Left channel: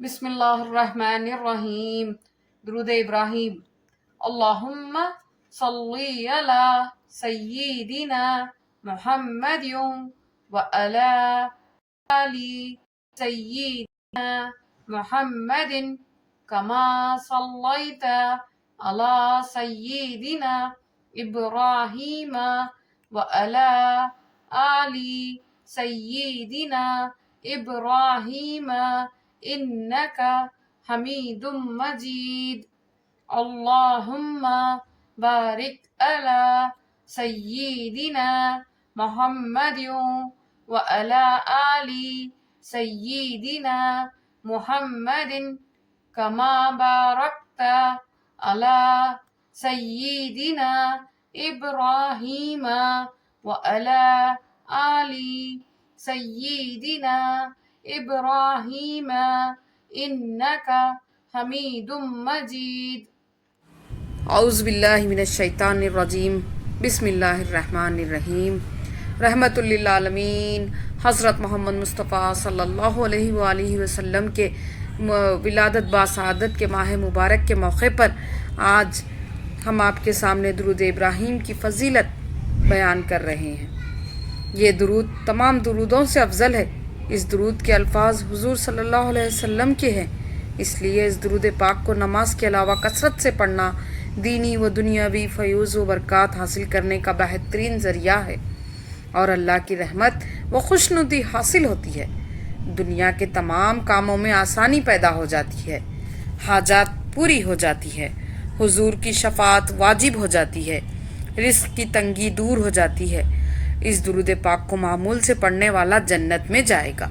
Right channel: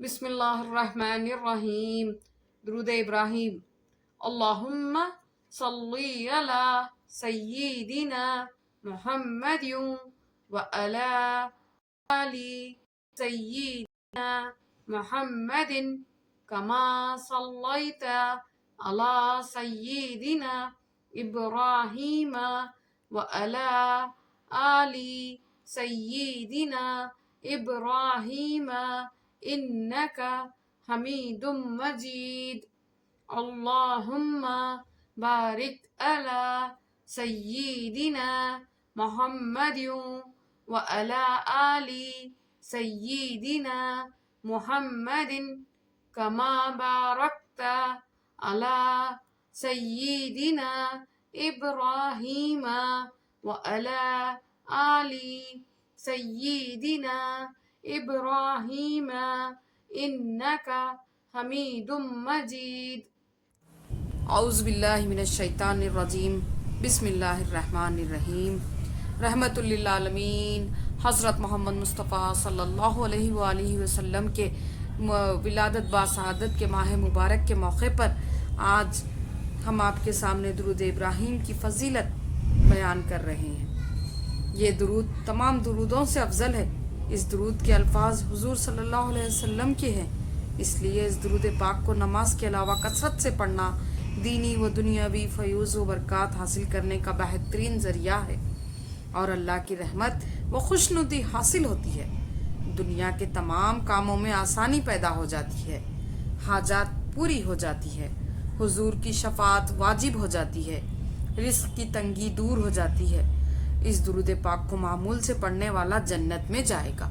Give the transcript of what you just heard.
بسم اللہ الرحمن الرحیم. درود ابراہیم. اللہم صلی علی سیدنا محمد وعلی آل سیدنا محمد کما صلیت علی سیدنا ابراہیم وعلی آل سیدنا ابراہیم انک حمید مجید. اللہم بارک علی سیدنا محمد وعلی آل سیدنا محمد کما بارکت علی سیدنا ابراہیم وعلی آل سیدنا ابراہیم انک حمید مجید. اعوذ باللہ من الشیطان الرجیم. بسم اللہ الرحمن الرحیم. رحمت للعالمین حضرت محمد مصطفیٰ صلی اللہ علیہ وآلہ وسلم کے ولادت باسعادت کے ماہ مبارک کے موقع پر آج ہم آپ کے سامنے درود ابراہیم کی فضیلت بیان کر رہے ہیں. یہ درود تمام درودوں سے افضل ہے. اس درود کے الفاظ حضور صلی اللہ علیہ وسلم کے ہیں، اس لیے اس درود پاک کو نماز کے علاوہ کثرت سے پڑھنا دینی و دنیاوی فیوز و برکات حاصل کرنے کا بہترین ذریعہ ہے، اور اللہ کی رحمت و خوشنودی حاصل ہوتی ہے. دنیا کے تمام کاموں میں آسانی پیدا ہو جاتی ہے، حاجات پوری ہو جاتی ہے، حضور کی شفاعت واجب ہو جاتی ہے، رزق کی تنگی دور ہو جاتی ہے. اس درود پاک کو معمول سے پڑھنے والا جنت میں جائے گا.